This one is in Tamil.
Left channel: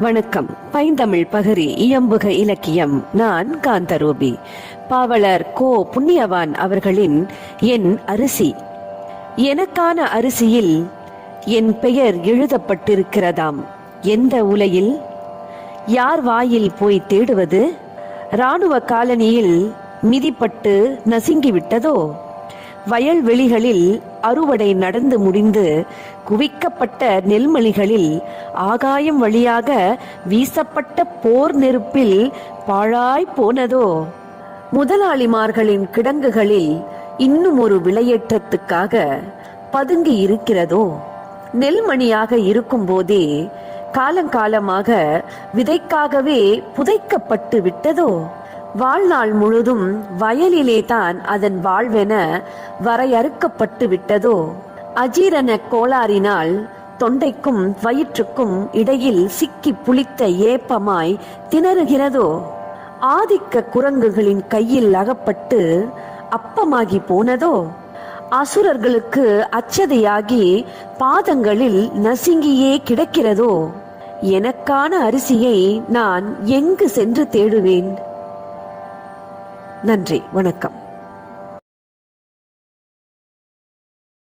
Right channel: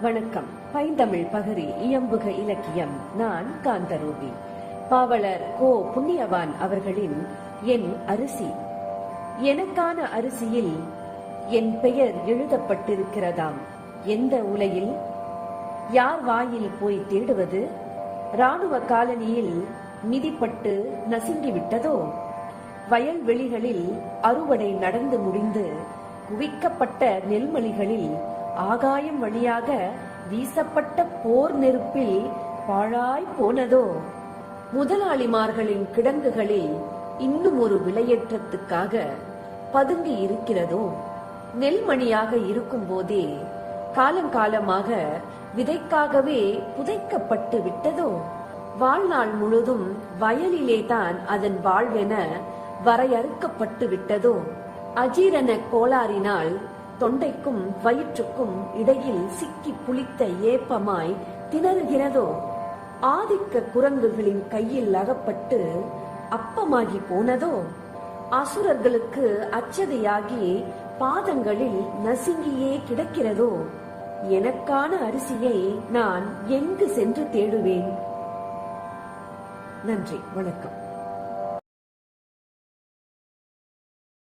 வணக்கம். பைந்தமிழ் பகரி இயம்புக இலக்கியம். நான் காந்தரூபி. பாவலர் கோ புண்ணியவான் அவர்களின் என் அரிசி. எனக்கான அரிசியில் என் பெயர் எழுதப்பட்டிருக்கிறதாம். எந்த உலையில்? யார் வாயில் போய் தேடுவது? ராணுவ காலனியில் மிதிப்பட்டு நசுங்கிவிட்டதோ? வயல்வெளிகளில் அறுவடை நடந்து முடிந்து குவிக்கப்பட்ட நெல்மணிகளில் ஆகாயம் வழியாக வீசப்பட்ட போர் நெருப்பில் பாழாய் போனதோ? முதலாளிமார்களின் கிடங்குகளில் இன்னும் ஒரு விலையேற்றத்துக்காக பதுங்கி இருக்கிறதோ? நெல்மணியாக இருக்கும் போதே காலங்காலமாக விதைக்காகவே புதைக்கப்பட்டு விட்டதோ? வாழ்நாள் முழுதும் வயலிலே தான் அதன் வாழ்வென வரையறுக்கப்பட்டு விட்டதோ? அஜீரண கோளாறினால் தொண்டைக்கும் வயிற்றுக்கும் இடையில் சிக்கி புளித்த ஏப்பமாய் திணறுகிறதோ? ஆதிக்க குரங்குகளின் கையில் அகப்பட்டு அப்பமாகி போனதோ? அசுரர்களுக்கு அச்சதையாகி பாதங்களில் நசுங்கியே கிடக்கிறதோ? எனக்கான அரிசியை நான் எங்கு சென்று தேடுவேன்? நன்றி வணக்கம்.